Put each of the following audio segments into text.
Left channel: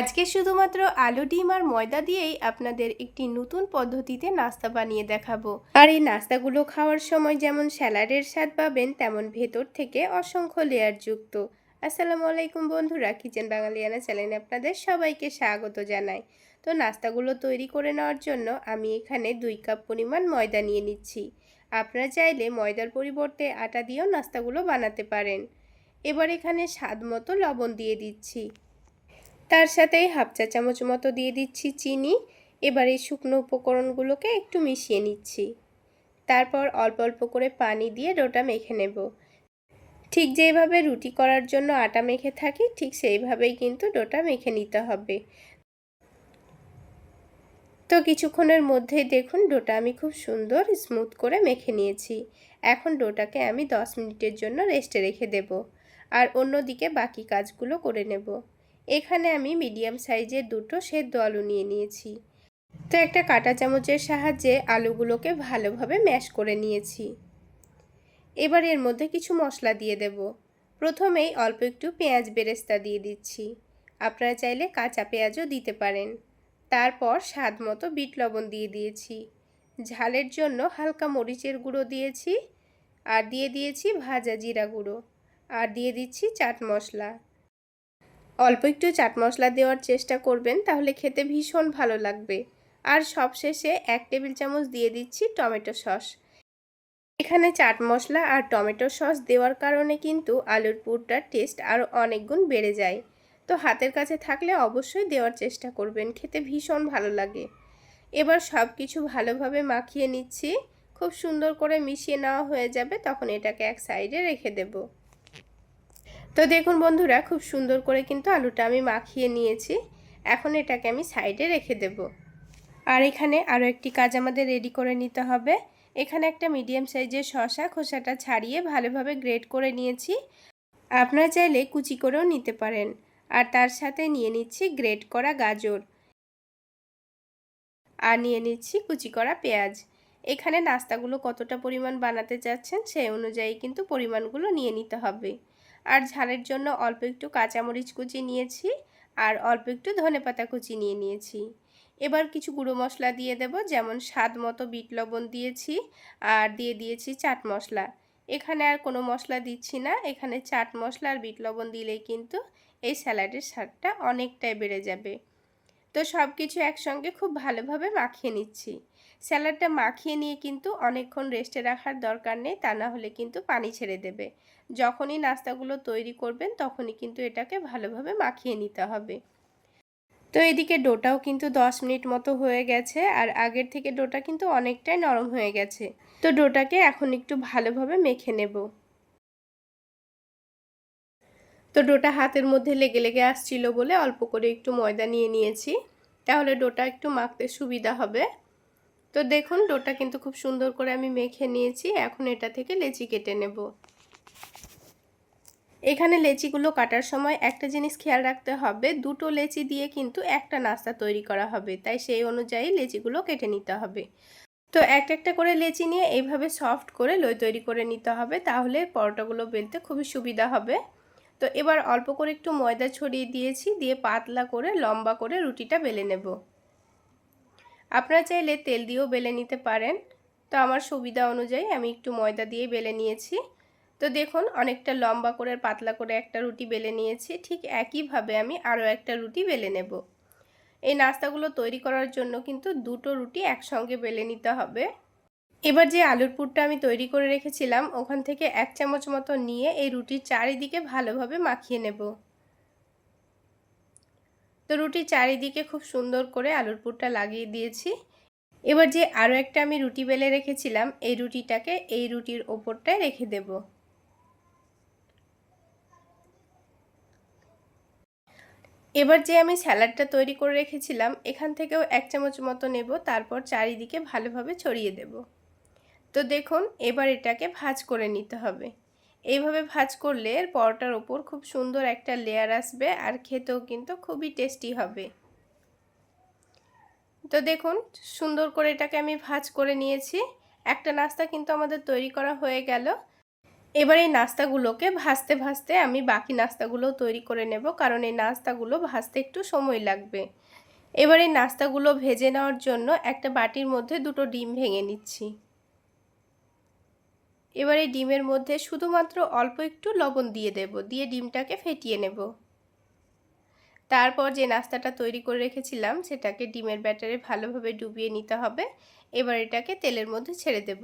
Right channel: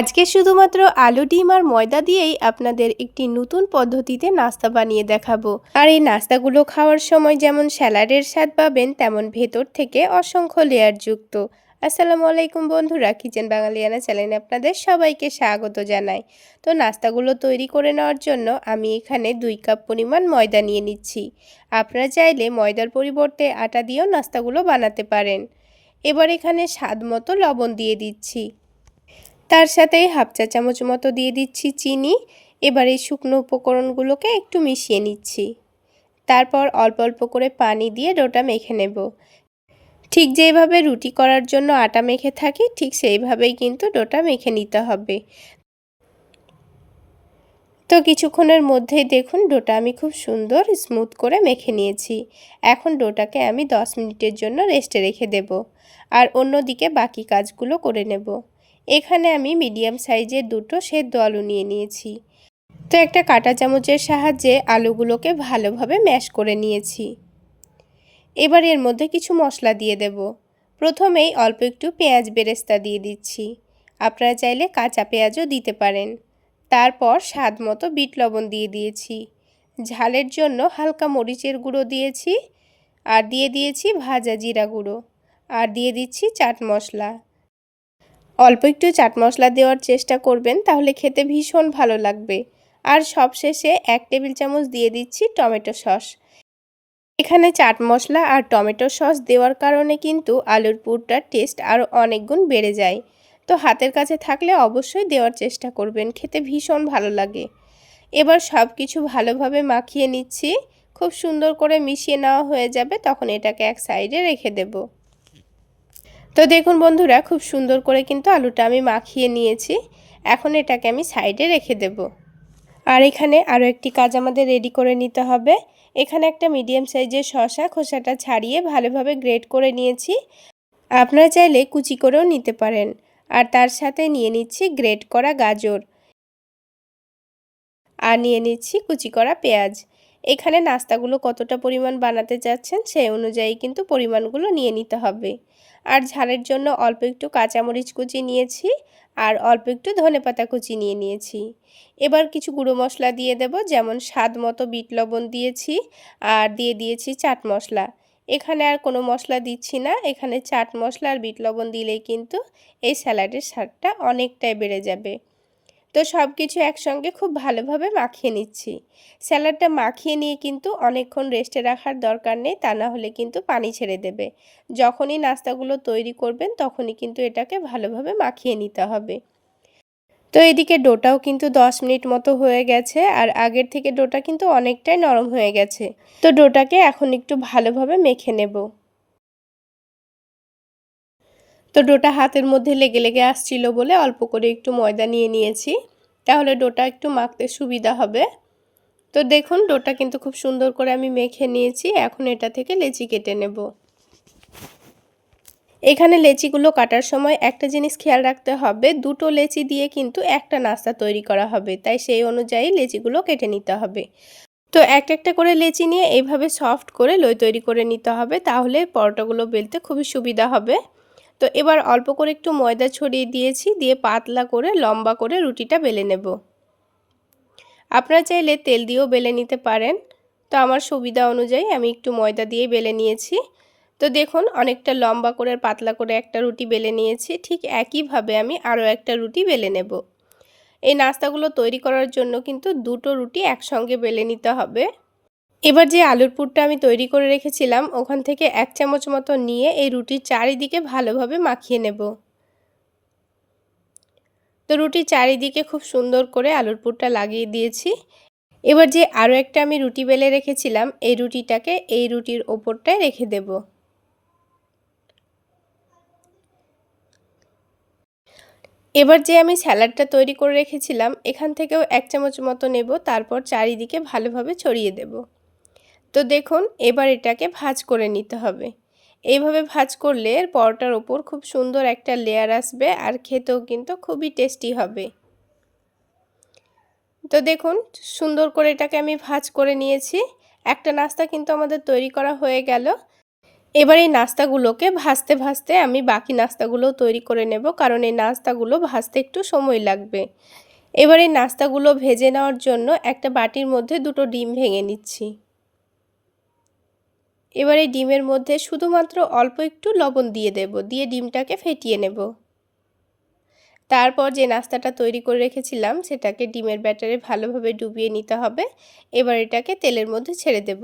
আজকে শুধুমাত্র আলু ডিম আর ময়দা দিয়েই আপনাদের একটি নতুন পদ্ধতিতে নাস্তা বানিয়ে দেখাবো। আর এই নাস্তাগুলো খাওয়ার সময় যেমন স্যালাডের স্বাদ পাবেন, তেমন ভেতর থেকে অসংখ্য লেয়ার যুক্ত। আসসালামু আলাইকুম বন্ধুরা, কিচেন বাঙালিয়ানা চ্যানেলে আপনাদের সবাইকে স্বাগত জানাই। তো নাস্তাগুলো তৈরি করে নেওয়ার জন্য আমি এখানে 2 কাপ পরিমাণ ময়দা নিয়ে নিচ্ছি। আপনারা চাইলে ময়দার পরিবর্তে আটা দিয়েও নাস্তাগুলো বানাতে পারেন। এবার এখানে স্বাদ মতো লবণ দিয়ে দিচ্ছি। তার সাথেই হাফ চা চামচ মতো দিয়ে দিচ্ছি চিনি। এবার এই শুকনো উপকরণগুলোকে একটু মিশিয়ে নিচ্ছি। তারপর অল্প অল্প করে পানি দিয়ে ডোটা মেখে নেব। ঠিক যেভাবে রুটি করার জন্য আটা মেখে থাকি, ঠিক সেইভাবেই কিন্তু ডোটা মেখে নিতে হবে। তো কিছুক্ষণের মধ্যেই দেখুন ডোটা আমি খুব সুন্দর স্মুথ করে মেখে নিয়েছি। এখন ডোটাকে আমি 10 মিনিটের জন্য রেস্টে রেখে দেব, আর অন্যদিকে বাকি কাজগুলো করে নেব। এখানে আমি মিডিয়াম সাইজের 2টো সেদ্ধ আলু নিয়ে নিয়েছি। তো একটা কাঁটা চামচের সাহায্যে আলুগুলোকে ভালোভাবে ম্যাশ করে নিয়েছি। এবার এর মধ্যে কিছু মশলা দিয়ে দেব। প্রথমেই অল্প একটু পেঁয়াজ বেরেস্তা দিয়ে দিচ্ছি। আপনারা চাইলে কাঁচা পেঁয়াজও দিতে পারেন। তারপর স্বাদ মতো বিট লবণ দিয়ে দিয়েছি। ঝালের জন্য হালকা মরিচের গুঁড়ো দিয়েছি, আর দিয়ে দিয়েছি ভাজা জিরা গুঁড়ো, আর দিয়ে দিচ্ছি চাট মশলা। অল্প একটু চাট মশলা দেওয়ার চেষ্টা করবেন, তাহলে খেতে ভীষণ ভালো লাগবে। আর সবশেষে 1 টেবিল চামচ দিয়ে দিচ্ছি টমেটো সস। এখানে চাট মশলা আর টমেটো সস দেওয়ার কারণে কিন্তু আলুর পুরটার টেস্ট আরও অনেক গুণ বেড়ে যায়। তো হাতের কাছে থাকলে অবশ্যই দেওয়ার চেষ্টা করবেন, খেতে ভীষণ ভালো লাগে। এবার সব কিছু ভালোভাবে মাখিয়ে নিচ্ছি। খুব সুন্দর করে মিশিয়ে নেওয়া হয়ে যাবে, তখন এটাকে এক সাইডে রেখে দেব। তো দেখুন বন্ধুরা, খুব সুন্দর করে কিন্তু আলুটা আমি মাখিয়ে নিয়েছি। এখন এটাকে আমি সাইডে রেখে দেব। আর এখানে আরও একটি কাজ আমাদের রেডি করে নিতে হবে। এখানে একটা মিডিয়াম সাইজের শসা খোসাটা ছাড়িয়ে ভালোভাবে গ্রেট করে নিয়েছি। আপনারা চাইলে কুচি করেও নিতে পারেন। আর তার সাথে নিয়ে নিচ্ছি গ্রেট করা গাজর, আর নিয়ে নিচ্ছি কুচি করা পেঁয়াজ। এখানে নাস্তাগুলো কতটা পরিমাণ বানাতে চাচ্ছেন সেই অনুযায়ী কিন্তু পরিমাণগুলো নিয়ে নিতে হবে। আর ঝালের জন্য অল্প একটু কাঁচামরিচ কুচি নিয়েছি, আর অল্প একটু ধনেপাতা কুচি নিয়ে নিয়েছি। এবার কিছু গুঁড়ো মশলা দিয়ে দেব, যেমন স্বাদ মতো বিট লবণ দিয়েছি, আর দিয়ে দিয়েছি চাট মশলা। এখানে আর কোনো মশলা দিচ্ছি না, এখানে চাট মশলা আর বিট লবণ দিলেই কিন্তু এই স্যালাডের স্বাদটা অনেকটাই বেড়ে যাবে। তো সব কিছু একসঙ্গে খুব ভালোভাবে মাখিয়ে নিচ্ছি। স্যালাডটা মাখিয়ে নিয়ে কিন্তু অনেকক্ষণ রেস্টে রাখার দরকার নেই, তা না হলে কিন্তু পানি ছেড়ে দেবে। যখনই নাস্তাগুলো তৈরি করবেন তখনই কিন্তু এটাকে ভালোভাবে মাখিয়ে নিতে হবে। তো এদিকে ডোটাও কিন্তু 10 মিনিট মতো হয়ে গেছে, আর আগের থেকে ডোটা কিন্তু অনেকটাই নরম হয়ে গেছে। তো ডোটাকে এখন একটু ভালোভাবে মেখে নেব। তো ডোটা হাতের মধ্যে লেগে লেগে আসছিল বলে অল্প করে একটু ময়দা নিয়ে নিয়েছি, তাহলে ডোটা একটু মাখতে সুবিধা হবে। তো দেখুন ডোটা কিন্তু খুব সুন্দর করে আমি মেখে নিয়েছি। এখন এটা থেকে লেচি কেটে নেব। এখানে লেচিগুলো কাটার সময় একটা জিনিস খেয়াল রাখতে হবে, 2টো লেচি দিয়ে কিন্তু একটা নাস্তা তৈরি করা হবে, তাই সেই অনুযায়ী লেচিগুলো কেটে নিতে হবে। তো একটা একটা করে লেচি নিয়ে এইভাবে সফট করে লই তৈরি করে নিতে হবে, তাহলে পরোটাগুলো বেলতে খুবই সুবিধা হবে। তো এবার অল্প করে একটু ময়দা ছড়িয়ে দিয়েছি, দিয়ে পাতলা করে লম্বা করে রুটিটা বেলে নেব। আপনারা চাইলে তেল দিয়েও বেলে নিতে পারেন। তো আমার সুবিধা অনুযায়ী আমি একটু ময়দা দিয়ে বেলে নিয়েছি। তো দেখুন অনেকটা লম্বা করে পাতলা করে একটা রুটি বেলে নিয়েছি। ঠিক একইভাবে আমি আরও একটা রুটি বেলে নেব। এই নাস্তাগুলো তৈরি করার জন্য কিন্তু 2টো রুটি একসঙ্গে বেলে নিতে হবে। এবার যে আলুর পুরটা আমি তৈরি করে রেখেছিলাম, ওখান থেকে 1 চামচ মতো নিয়ে এই রুটির চারিদিকে ভালোভাবে মাখিয়ে নেব। তো রুটির চারিদিকে খুব সুন্দর করে আলুর পুরটা লাগিয়ে দিয়েছি। এবার যে আরও একটা আমি রুটি বেলে রেখেছিলাম, এই রুটিটাকে এই রুটির ওপরটায় রেখে দেব। এবার যে আমি স্যালাডটা তৈরি করে রেখেছিলাম, এখান থেকেও 1 চামচ মতো নেব, তারপর চারিদিকে ভালোভাবে ছড়িয়ে দেব। তো দেখুন এবার এটাকে ভাঁজ করে নিতে হবে। এইভাবে ভাঁজ করলে এর পরোটার ওপর খুব সুন্দর একটা লেয়ার আসবে, আর খেতেও কিন্তু খুবই টেস্টি হবে। তো দেখুন সুন্দর করে এটাকে আমি ভাঁজ করে নিয়েছি। একটা নাস্তা কিন্তু আমাদের তৈরি করা হয়ে গেল। এবার এই নাস্তাগুলোকে ভাজতে ভাজতে আমি বাকি নাস্তাগুলোও তৈরি করে নেব, কারণ এই নাস্তাগুলো ভাজতে একটু সময় লাগবে। এবার এই নাস্তাগুলো ভেজে নেওয়ার জন্য একটা বাটির মধ্যে 2টো ডিম ভেঙে নিচ্ছি। এবার এই ডিমের মধ্যে শুধুমাত্র অল্প একটু লবণ দিয়ে দেব, দিয়ে ডিমটাকে ফেটিয়ে নেব। তারপর যে নাস্তাটা তৈরি করে রেখেছিলাম সেটাকে ডিমের ব্যাটারে ভালোভাবে ডুবিয়ে নিতে হবে। এবার এটাকে তেলের মধ্যে ছেড়ে দেব।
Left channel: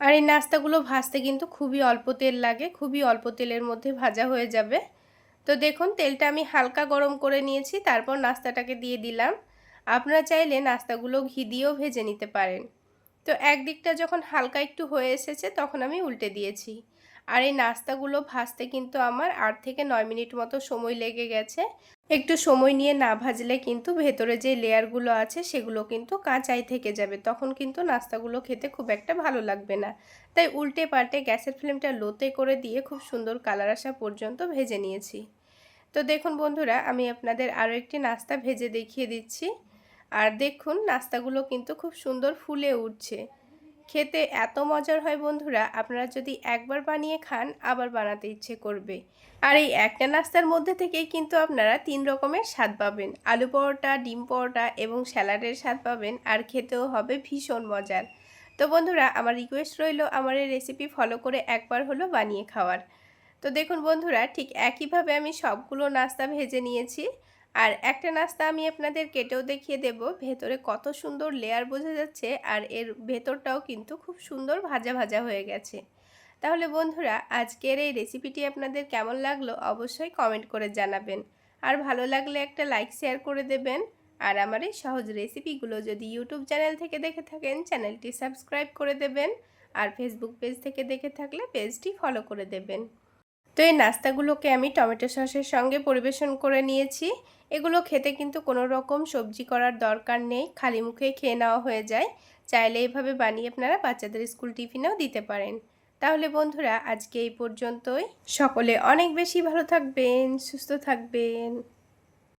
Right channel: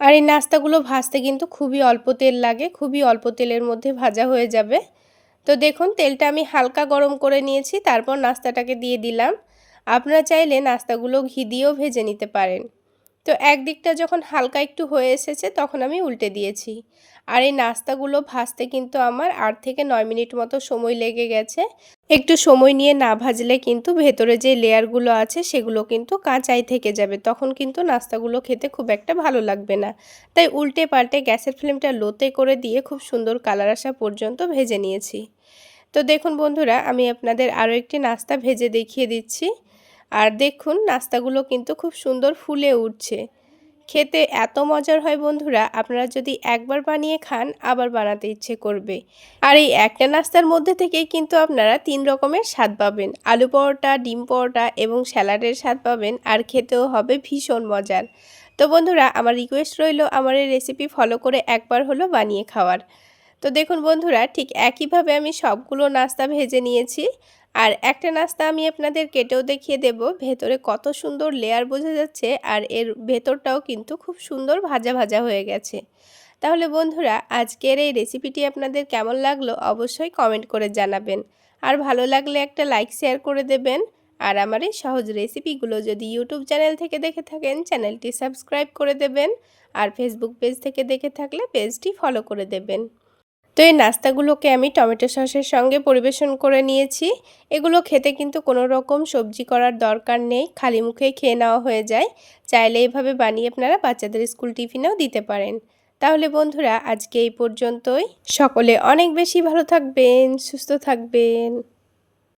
আর এই নাস্তাগুলো ভাজতে কিন্তু খুবই অল্প তেল লাগে, খুবই অল্প তেলের মধ্যে ভাজা হয়ে যাবে। তো দেখুন তেলটা আমি হালকা গরম করে নিয়েছি, তারপর নাস্তাটাকে দিয়ে দিলাম। আপনারা চাইলে নাস্তাগুলো ঘি দিয়েও ভেজে নিতে পারেন। তো একদিকটা যখন হালকা একটু হয়ে এসেছে তখন আমি উল্টে দিয়েছি। আর এই নাস্তাগুলো ভাজতে কিন্তু আমার 8 থেকে 9 মিনিট মতো সময় লেগে গেছে। একটু সময় নিয়ে না ভাজলে কিন্তু ভেতরে যে লেয়ারগুলো আছে সেগুলো কিন্তু কাঁচাই থেকে যাবে, তখন কিন্তু নাস্তাগুলো খেতে খুব একটা ভালো লাগবে না। তাই উল্টে পাল্টে গ্যাসের ফ্লেমটা লোতে করে দিয়ে খুব সুন্দর কালার আসা পর্যন্ত ভেজে নিয়েছি। তো দেখুন বন্ধুরা, আমি আপনাদের আরও একটি নাস্তা ভেজে দেখিয়ে দিচ্ছি। আর দেখুন নাস্তাগুলো কিন্তু খুব সুন্দর ফুলে উঠছে। খেতে এত মজার হয় বন্ধুরা, আপনারা যদি একবার বানিয়ে খান আবার বানাতে ইচ্ছে করবে। আর এই একটা নাস্তার মধ্যে থেকেই কিন্তু আপনারা 3 রকমের স্বাদ পাবেন। আলু পরোটা, ডিম পরোটা এবং স্যালাডের স্বাদ পাবেন, আর খেতেও হবে ভীষণ মজার। তো বন্ধুরা, আমার রিকোয়েস্ট রইল আমার এই রেসিপি ফলো করে একবার হলো বানিয়ে খাওয়ার। তো দেখুন বন্ধুরা, ঠিক একইভাবে আমি সবগুলো নাস্তা ভেজে নিয়েছি। আর একটা নাস্তা আমি আপনাদের কেটেও দেখিয়ে দেব, ভেতরে কত সুন্দর লেয়ার বোঝা যাচ্ছে, আর এর ভেতরটাও কিন্তু খুব সুন্দর ভাজা ভাজা হয়ে গেছে। তাহলে বন্ধুরা, আজকের এই রেসিপিটি আপনাদের কেমন লাগলো অবশ্যই কমেন্ট করে জানাবেন। আর ভালো লাগলে একটা লাইক শেয়ার করে দেবেন। আর আমার এই সহজ রেসিপিগুলো যদি ইউটিউব চ্যানেল থেকে দেখে থাকেন চ্যানেলটি সাবস্ক্রাইব করে দেবেন। আর ফেসবুক পেজ থেকে দেখে থাকলে পেজটি ফলো করে দেবেন। তো এই নাস্তাগুলোকে আমি টমেটো সসের সঙ্গে পরিবেশন করে নিয়েছি। এগুলো খেতে কিন্তু কোনো রকম সবজি করার দরকার নেই, খালি মুখেই খেয়ে নেওয়া হয়ে যায়। চাইলে এভাবে বানিয়ে আপনারা বাচ্চাদের স্কুল টিফিনেও দিতে পারেন। তাহলে বন্ধুরা, আজকে এই পর্যন্তই। সকলে অনেক বেশি ভালো থাকবেন, সুস্থ থাকবেন।